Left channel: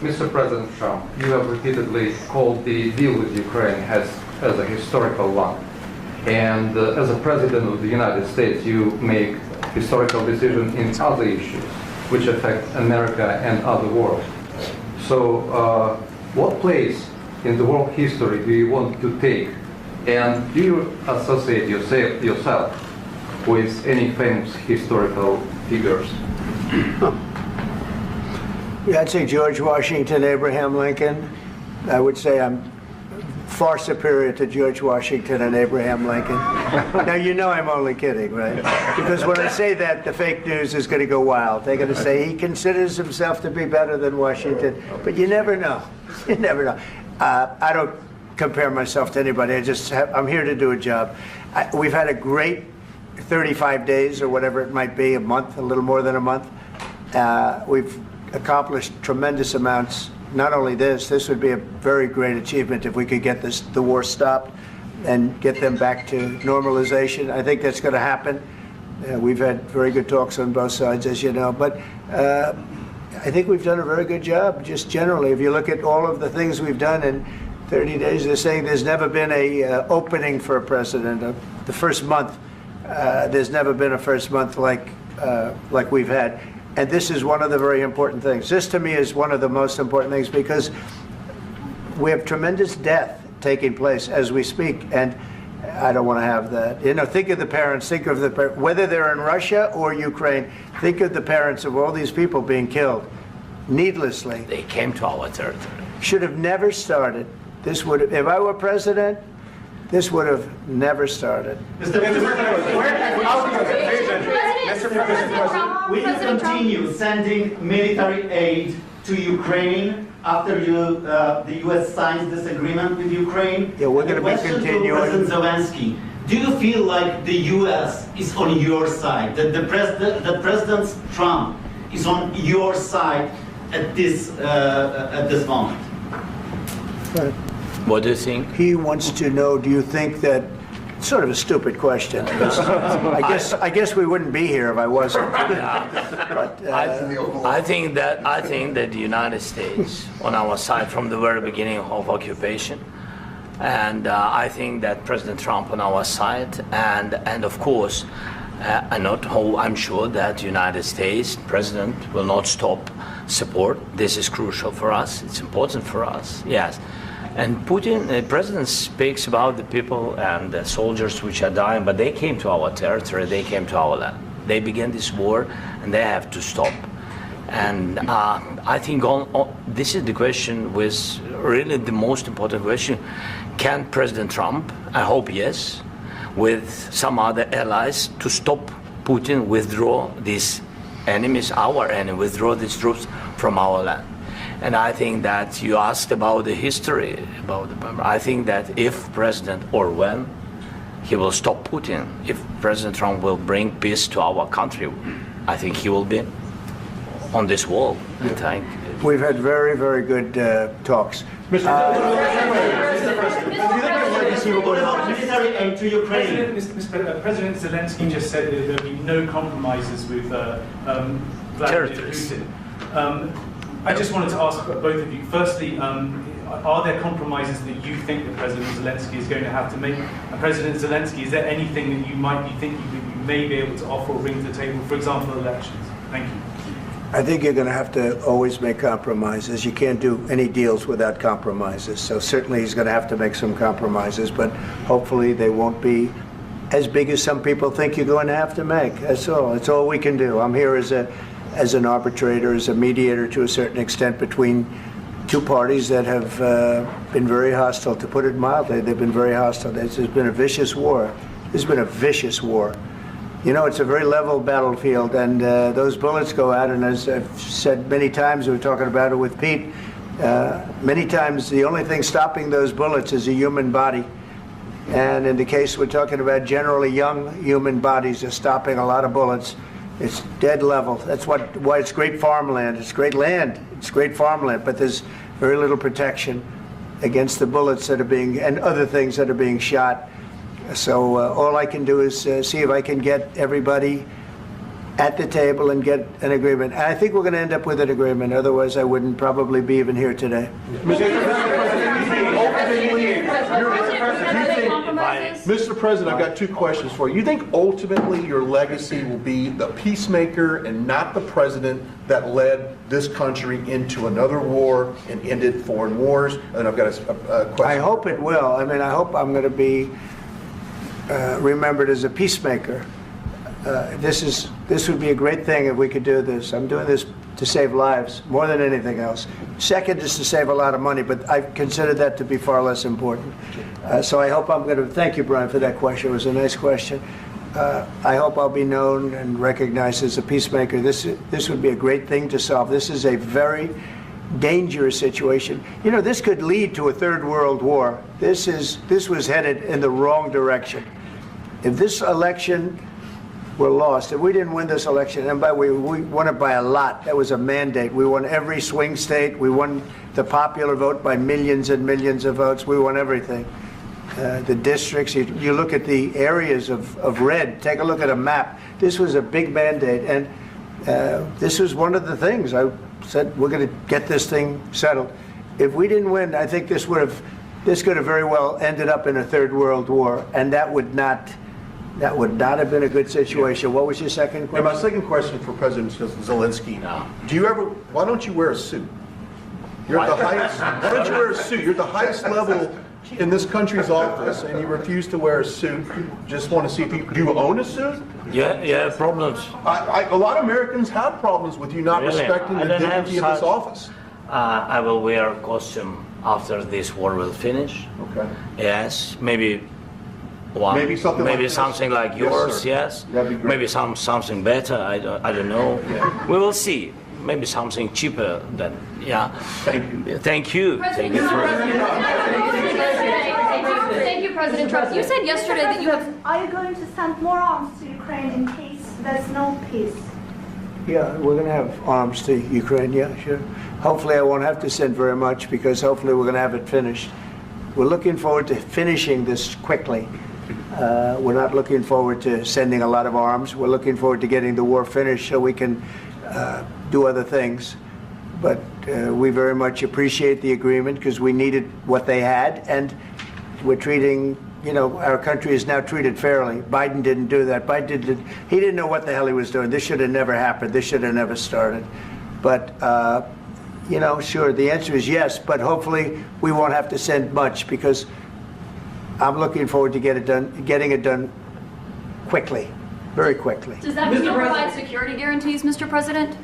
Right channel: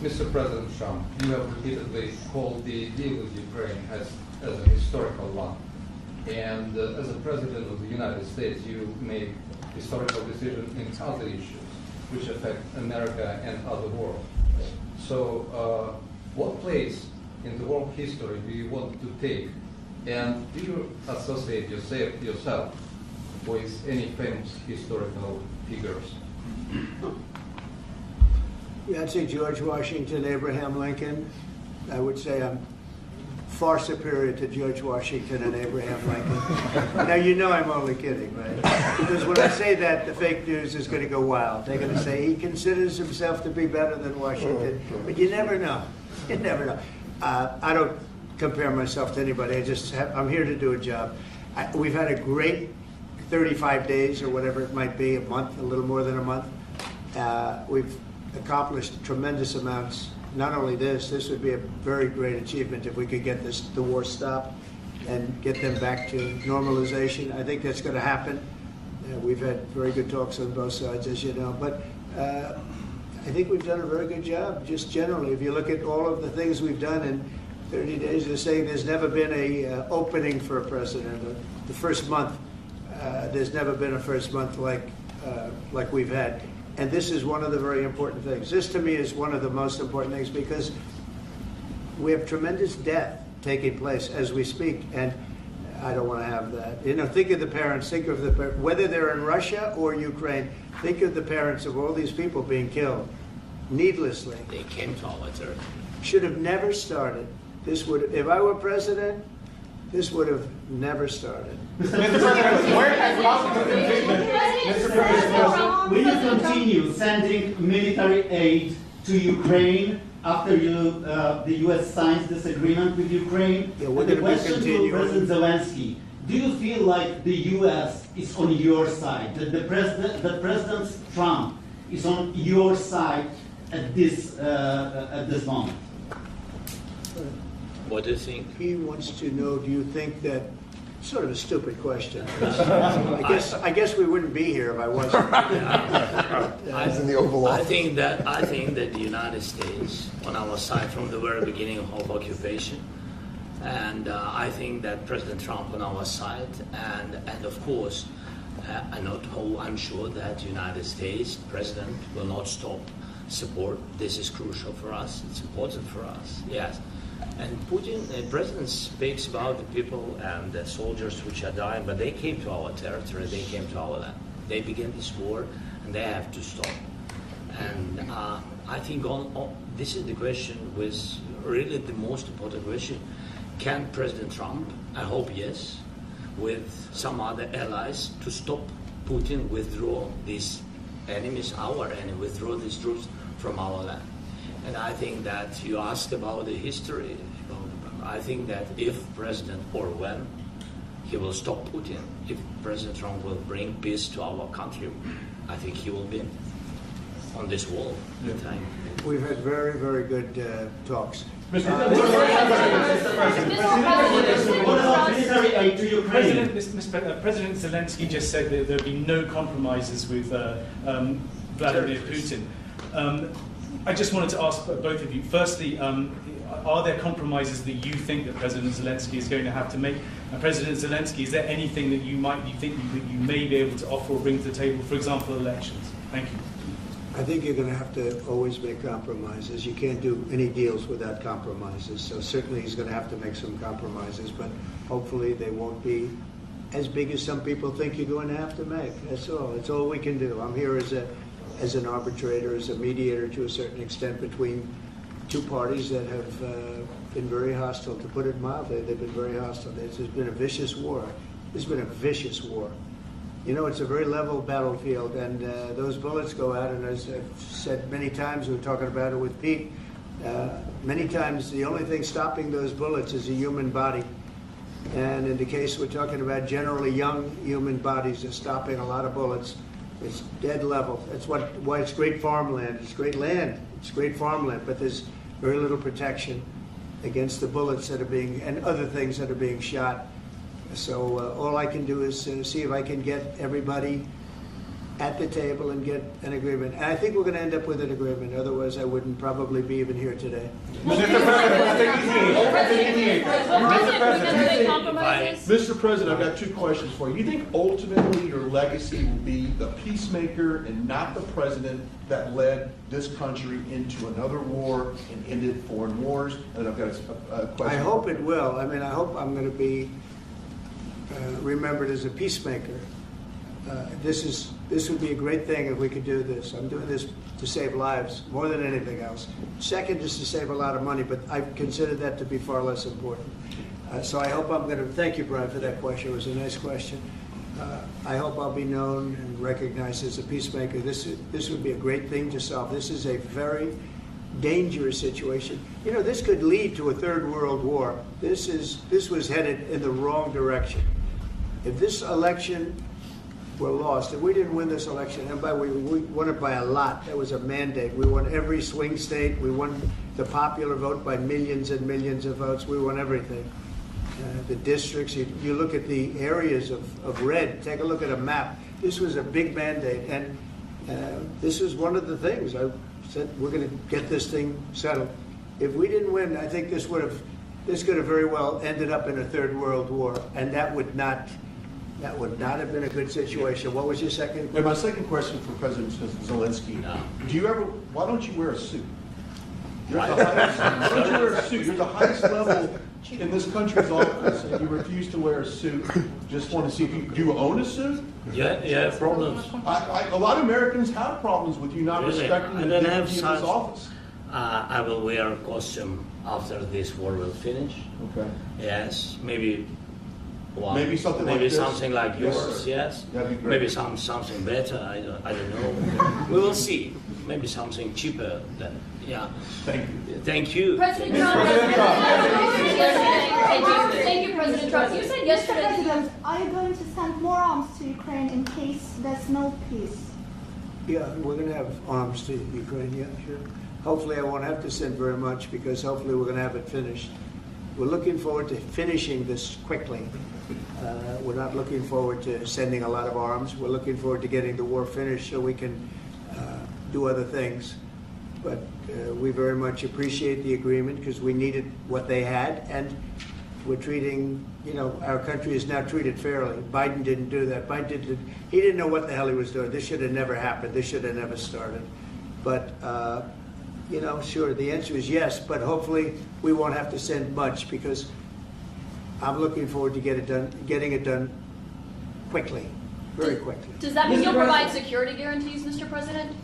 Mr. President Trump, you have repeatedly called the deal with Ukraine as a historical one. And as a President of the United States, you make historical decisions in other issues which affect America and other world. So what place in the world history do you want to take? And do you associate yourself with any famous historical figures? Yeah, I'd say George Washington, Abraham Lincoln. I would say I'm far superior to George Washington and Abraham Lincoln. Now, you know I'm only kidding, right? Because when I say that, the fake news is going to go wild. They're going to say he considers himself to be better than Washington. But you never know. You never know. I don't compare myself to anybody. I'm here to do a job. We've had a great 35 days or whatever it might be, a month, a little more than a month. We've accomplished tremendous amounts. Not only this would be a very great achievement if we could get the war stopped and get them back to normalization. I think that's going to happen. We've had very good talks on both sides, as you know. But I think we've done a very good job, just generally. If you look at all of the things we've done in 30 days, they're saying there's never been a opening for a president. The first month, there's never been a first month like we've had. And this is one of the very important things. This, to me, is one of the most important things because we have tremendous death taking place as we speak, and I don't want to have that. You know, think of the parents, whether they're in Russia or Ukraine, think of the parents of all these people being killed needlessly. They came to our territory. Should have never started. This would have, if I were president, this would have never started. Mr. President, will you continue sending military aid to Ukraine after the U.S. signs this agreement with Ukraine? Yeah, we're going to be continuing. To President Zelenskyy, do you feel like the U.S. is on your side, that President Trump is on your side at this moment? Right. What do you think? He wants to know, do you think that, sort of a stupid question. I guess we wouldn't be here if I wasn't. I think that the United States on our side from the very beginning of occupation, and I think that President Trump on our side, and of course, I'm sure that the United States President will not stop support. This is crucial for us. It's important for us. Yes. And Putin, the president, speaks about the people and the soldiers which are dying, but they came to our territory, they came to our land. They began this war, and they have to stop. And I think this is the question, with really the most important question. Can President Trump, I hope yes, with some other allies, to stop Putin, withdraw these enemies, our enemy, withdraw these troops from our land? And I think that you asked about the history, I think that if President, or when, he will stop Putin, if President Trump will bring peace to our country, I think he will be on this wall. We've had very, very good talks. Mr. President Zelenskyy just said that there will be no compromises with Vladimir Putin. I just wanted to ask both of you, firstly, are there compromises that you think that President Zelenskyy is going to have to make? And President Zelenskyy, is there anything that you might be thinking that you may be able to offer or bring to the table, for example, elections? Thank you. I think you're going to have to always make compromises. You can't do any deals without compromises. So certainly he's going to have to make some compromises, but hopefully they won't be as big as some people think you're going to have to make. That's all. That's all we can do. I'm here as an arbitrator, as a mediator to a certain extent between two parties that have been very hostile, to put it mildly. They've been very hostile. There's been a vicious war. There's been a vicious war. You know, it's a very level battlefield, and those bullets go out, and as I've said many times, we were talking about it with Pete, many times the only thing stopping those bullets is a human body. And in the case we're talking about, generally young human bodies are stopping a lot of bullets. It's dead level. That's why it's great farmland. It's great land. It's great farmland, but there's very little protection against the bullets that are being, and other things that are being shot. So all I can do is see if I can get everybody at the table and get an agreement. And I think we're going to end up with an agreement. Otherwise, I wouldn't probably be even here today. Mr. President, I've got two questions for you. You think ultimately your legacy will be the peacemaker and not the president that led this country into another war and ended foreign wars? And I've got a question. I hope it will. I mean, I hope I'm going to be remembered as a peacemaker. This would be a great thing if we could do this. I'm doing this to save lives more than anything else. Second is to save a lot of money, but I consider that to be far less important. So I hope I'm going to, thank you, Brian, for that question. It was a nice question. I hope I'll be known and recognized as a peacemaker. This would be a great thing to solve. This is a very dangerous situation. You know, this could lead to a third world war. This was headed in the wrong direction. If this election were lost, if we didn't win this election, and by the way, we won it by a lot. That was a mandate. We won every swing state. We won the popular vote by millions and millions of votes. We won everything. The districts, you look at the areas of red, take a look at a map. This was a big mandate, and this was one of the things I said, we're going to get this thing settled. If we didn't win, I think this could have very well ended up in a third world war, and that would not have been a good situation. What was your second question? And my second question for President Zelensky. Why don't you wear a suit? You're at the highest, why don't you wear a suit? You're at the highest level in this country's office, and you refuse to wear a suit. Just want to see if do you own a suit? Yeah, problems. A lot of Americans have problems with you not Really? respecting the I don't have dignity of this such- office. I will wear a costume after this war will finish. Okay. Yes, maybe one. Maybe something like this? something like Yes, yours. sir. Yes. That'd be great. Maybe something better. I don't know. We will see. Maybe something cheaper than. Yeah. Thank you. Thank you. President Thank you. Trump. Thank you, President Trump. You said yesterday that you have. Are you going to send more arms to Ukraine in case there's no peace? Yeah, we're going to have arms to Ukraine, yeah, sure. Hopefully I won't have to send very much because hopefully we're going to have it finished. We're looking forward to finishing this quickly. We're not looking forward to sending a lot of arms. We're looking forward to getting the war finished so we can do other things. But we very much appreciate the agreement because we needed what they had, and we're treating, you know, our country is now treated fairly. Biden didn't do that. He didn't know what the hell he was doing. This should have never happened. This should have never started. But, you know, sure, the answer is yes, but hopefully we won't have to send much because I'm looking forward to getting it done quickly, very quickly. Does that mean you'll provide security guarantees, Mr. President?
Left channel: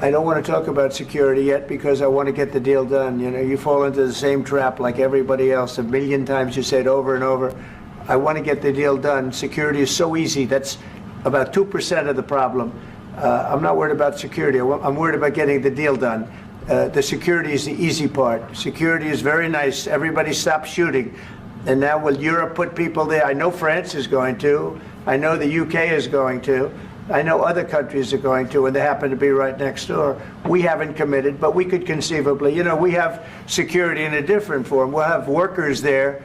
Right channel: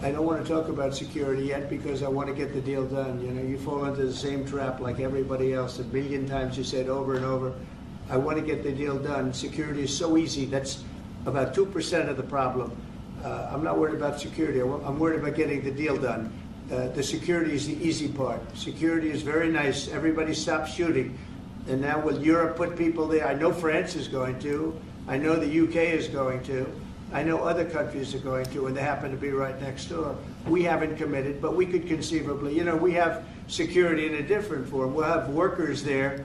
I don't want to talk about security yet because I want to get the deal done. You know, you fall into the same trap like everybody else. A million times you say it over and over. I want to get the deal done. Security is so easy. That's about 2% of the problem. I'm not worried about security. I'm worried about getting the deal done. The security is the easy part. Security is very nice. Everybody stopped shooting. And now will Europe put people there? I know France is going to. I know the UK is going to. I know other countries are going to, and they happen to be right next door. We haven't committed, but we could conceivably. You know, we have security in a different form. We'll have workers there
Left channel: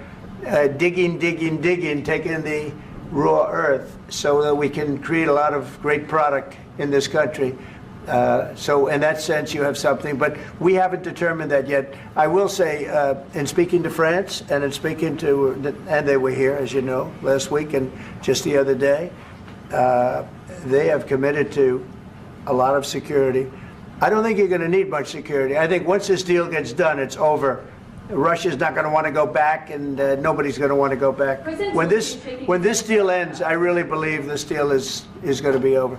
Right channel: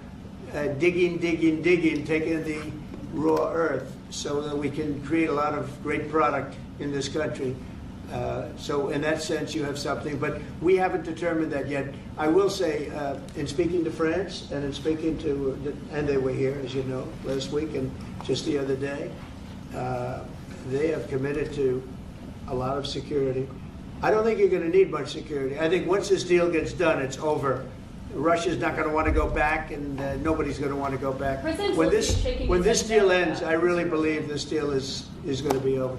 digging, taking the raw earth so that we can create a lot of great product in this country. So in that sense, you have something, but we haven't determined that yet. I will say, in speaking to France and in speaking to, and they were here, as you know, last week and just the other day, they have committed to a lot of security. I don't think you're going to need much security. I think once this deal gets done, it's over. Russia's not going to want to go back, and nobody's going to want to go back. When this deal ends, I really believe this deal is going to be over.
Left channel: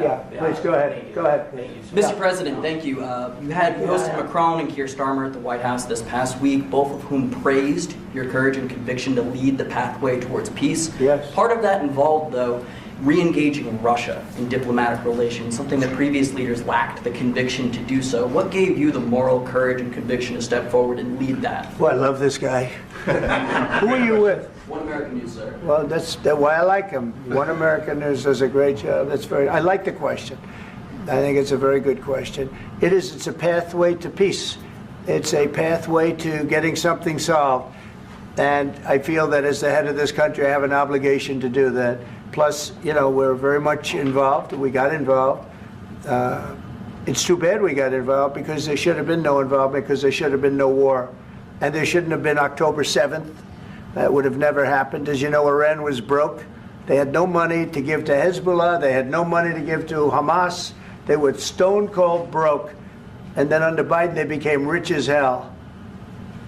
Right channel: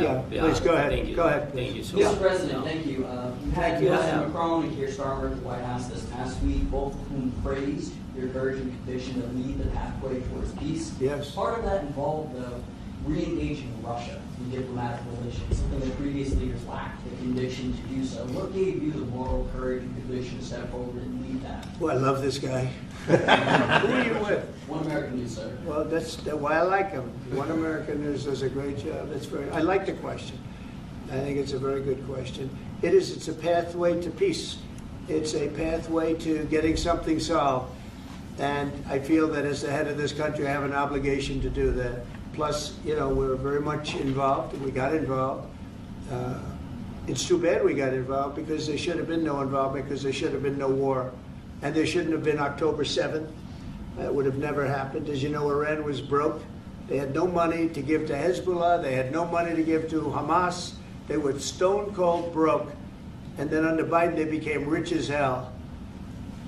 Yeah, please go ahead. Thank you. Go ahead. Thank you so Mr. much. President, thank you. You hosted Macron and Keir Starmer at the White House this past week, both of whom praised your courage and conviction to lead the pathway towards peace. Yes. Part of that involved, though, re-engaging Russia in diplomatic relations, something that previous leaders lacked the conviction to do so. What gave you the moral courage and conviction to step forward and lead that? Well, I love this guy. Who are you with? One American News, sir. Well, that's why I like him. One American News does a great job. I like the question. I think it's a very good question. It's a pathway to peace. It's a pathway to getting something solved. And I feel that as the head of this country, I have an obligation to do that. Plus, you know, we're very much involved. We got involved. It's too bad we got involved because there should have been no involvement because there should have been no war. And there shouldn't have been October 7th. That would have never happened. As you know, Iran was broke. They had no money to give to Hezbollah. They had no money to give to Hamas. They were stone cold broke. And then under Biden, they became rich as hell.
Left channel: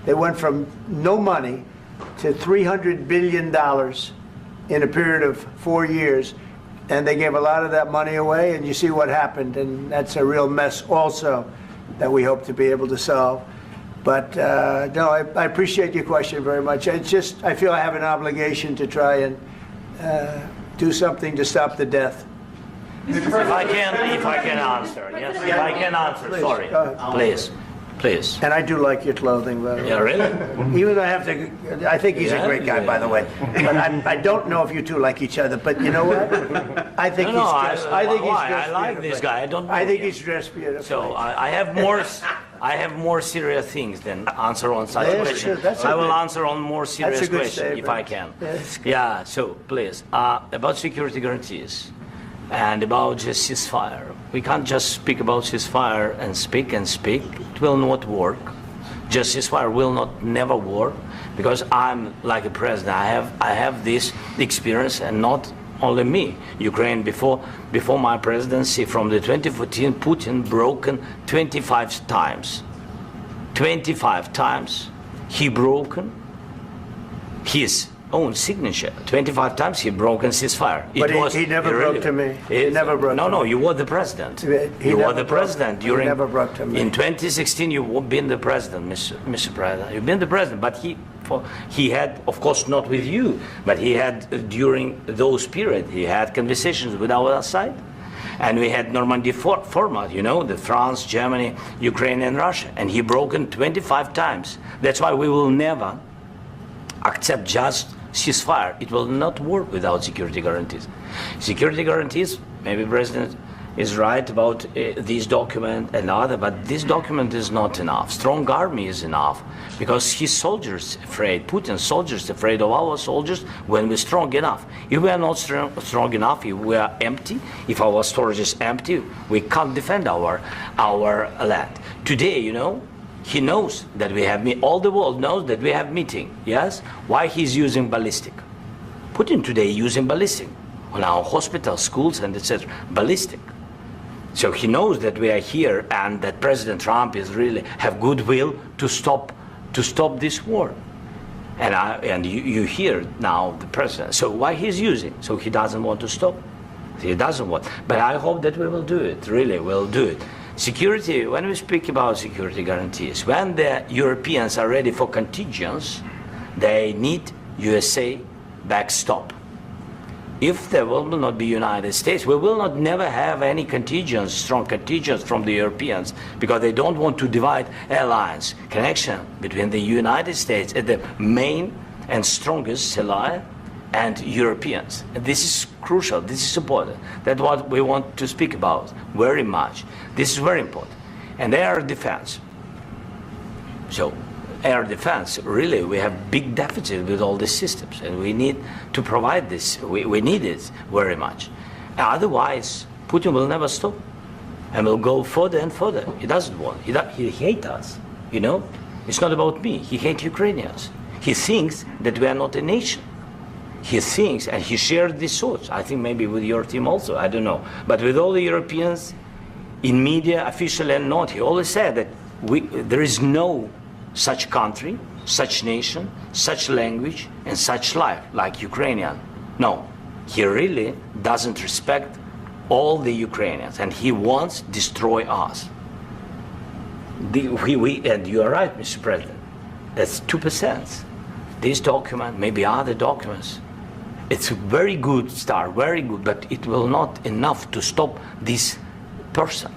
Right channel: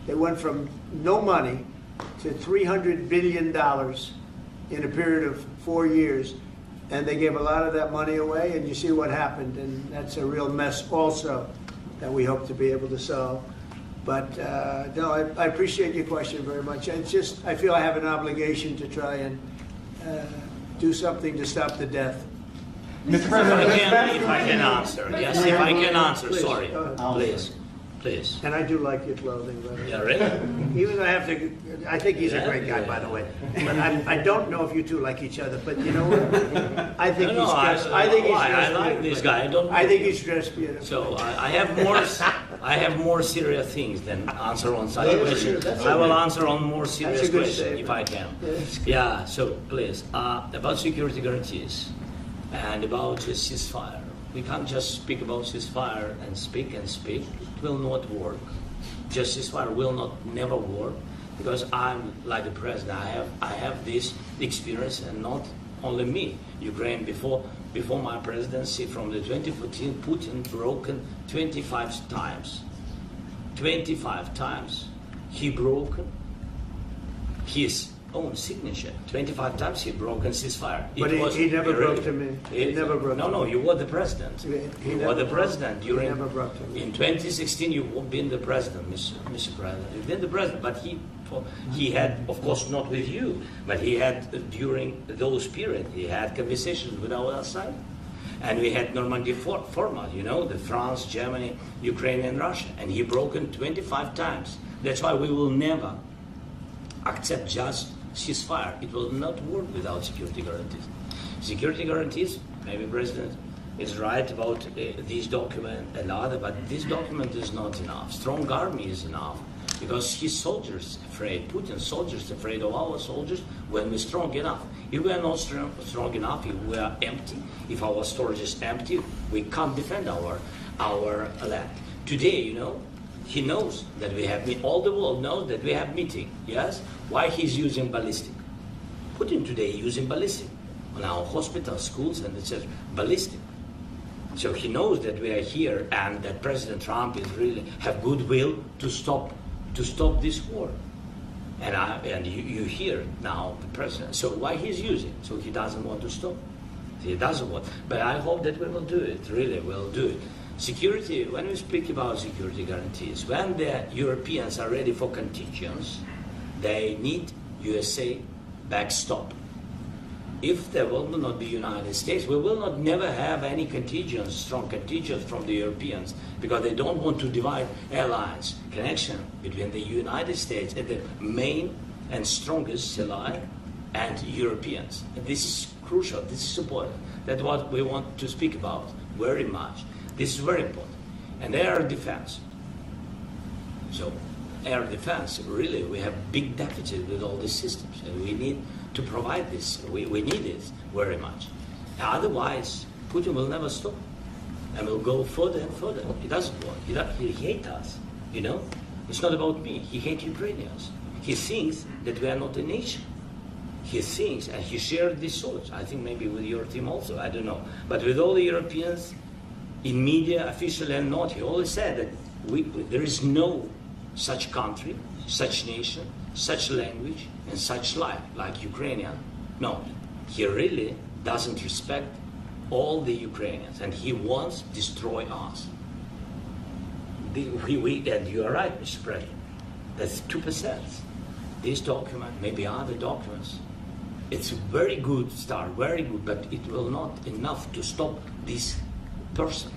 They went from no money to $300 billion in a period of 4 years. And they gave a lot of that money away, and you see what happened. And that's a real mess also that we hope to be able to solve. But no, I appreciate your question very much. I feel I have an obligation to try and do something to stop the death. If I can answer, yes, if I can answer, Please, sorry, go ahead. please. And I do like your clothing, by the way. Yeah, really? Even though I think he's a Yeah, great guy, yeah. by the way. But I don't know if you two like each other. But you know what? I think he's dressed. I think he's dressed I like this beautifully. guy. I don't know. I think he's dressed beautifully. So I have more serious things than answer on such Yeah, questions. sure, that's I will okay. answer on more serious That's a good questions if I statement. can. That's good. Yeah. So please, about security guarantees and about just ceasefire. We can't just speak about ceasefire and speak and speak. It will not work. Just ceasefire will not never work because I'm like a president. I have this experience, and not only me. Ukraine before my presidency, from the 2014, Putin broken 25 times. 25 times he broken his own signature. 25 times he broken ceasefire. But he never broke to me. He never broke No, to no, me. you were the president. He You never were the broke- president he during. never broke to me. In 2016, you've been the president, Mr. President. You've been the president, but he had, of course, not with you, but he had during those periods, he had conversations with our side. And we had Normandy format, you know, the France, Germany, Ukraine, and Russia. And he broken 25 times. That's why we will never accept just ceasefire. It will not work without security guarantees. Security guarantees, maybe President is right about this document and other, but this document is not enough. Strong army is enough because his soldiers afraid, Putin's soldiers afraid of our soldiers when we're strong enough. If we are not strong enough, if we are empty, if our storage is empty, we can't defend our land. Today, you know, he knows that we have all the world knows that we have meeting. Yes, why he's using ballistic? Putin today using ballistic on our hospitals, schools, and etc. Ballistic. So he knows that we are here and that President Trump is really have goodwill to stop this war. And you hear now the president. So why he's using? So he doesn't want to stop. He doesn't want. But I hope that we will do it. Really, we'll do it. Security, when we speak about security guarantees, when the Europeans are ready for contingents, they need USA backstop. If there will not be United States, we will not never have any contingents, strong contingents from the Europeans, because they don't want to divide alliance, connection between the United States and the main and strongest ally and Europeans. And this is crucial, this is important. That's what we want to speak about very much. This is very important. And air defense. So air defense, really, we have big deficit with all these systems, and we need to provide this. We need it very much. Otherwise, Putin will never stop, and will go further and further. He doesn't want. He hates us. You know, it's not about me. He hates Ukrainians. He thinks that we are not a nation. He thinks, and he shared these thoughts. I think maybe with your team also. I don't know, but with all the Europeans, in media, officially and not, he always said that there is no such country, such nation, such language, and such life like Ukrainian. No, he really doesn't respect all the Ukrainians, and he wants to destroy us. And you are right, Mr. President. That's 2%. This document, maybe other documents, it's a very good start, very good, but it will not enough to stop this person.